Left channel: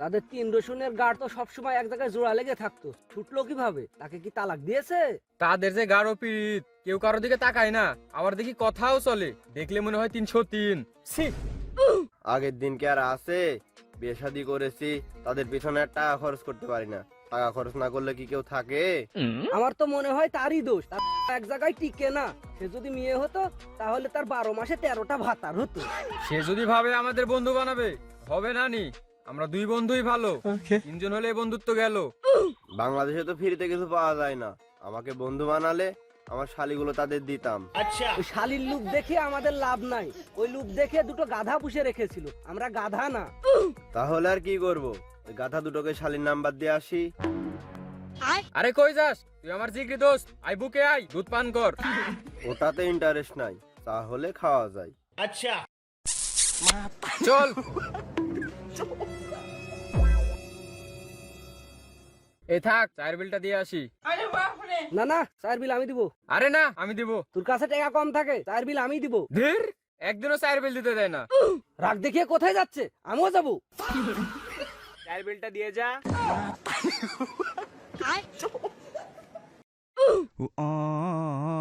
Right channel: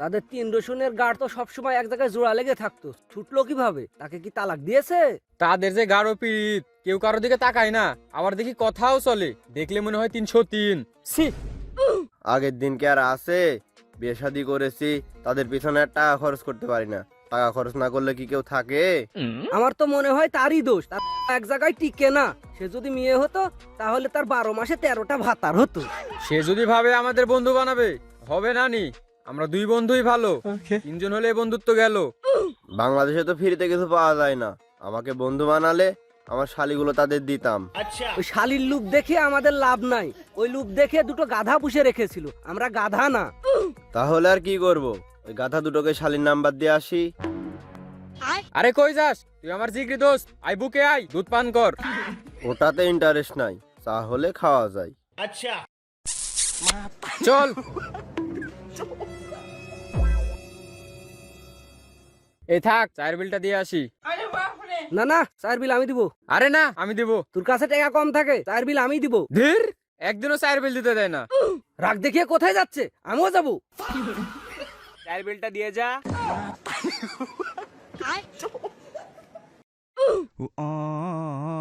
তাদের তিন রসুনের গাড় তো সবসময় এক জায়গায় জোড়া লেগে থাকতো, ছুটলো কিভাবে? তাকে কি তালাক দিয়েছে? তাদের যে গাঢ় পীড়িত, কেউ কারো দিকে তাকায় না, আবার দেখি কথাও চলে, দেখলে মনে হয় 303। ছি! আগের দিন কি আর আছে? বিয়ে শাদী করেছি, তাদের পিছনে আর টাকা খরচ করতে পারি না। টাকা খরচ না করলে কি কেউ থাকে? আমার তো মনে হয় তারই দোষ, তার এক জায়গায় টিকে না। সে যদি মেয়ে হতো তাহলে তার 12 মাসে 13টা ভাতার হতো। সে যদি ভাবে আমাদের বন্ধু বানাবে, হবে না নি। আমরা দুই বন্ধুই ভালো, তিনজন হলে বন্ধুত্ব গেল। বাংলাদেশে তো ফ্রিতে কিছু পাওয়া যায় না। আমাকে বন্ধু বানালে আমার শালিগুলো তাদের দিতাম। ওই শালির লুক দেখে আমাদের লাভ নাই। ওই লুক দেখে দুটো গাধা পুষে রেখেছিল, আমরা গাধা না। তাহলে আর কি করব? ওই গাধা দুটোকে শালির নাম্বার দিয়ে আসি। আরে কই যাস তুই? আমার জিগরি দোস্ত, আই বুকে আই, দুধ পান কর। ওটাতে ইন্টারেস্ট নাই, তাহলে খাওয়া যায়। চল। এই থাক, চায়ের বিলটা দিয়ে আসি। না না, চায়ের বিল আমি দিব। আরে না, আমি দিব। তোর কাছে টাকা কম থাকে, চায়ের বিল আমি দিব। ধীর, একদিনও চায়ের বিল দিতে দেয় না। রাগ দেখিয়ে কোথায় যাচ্ছে? আমিও যাবো। চায়ের বিলটা দিয়ে যা। Oh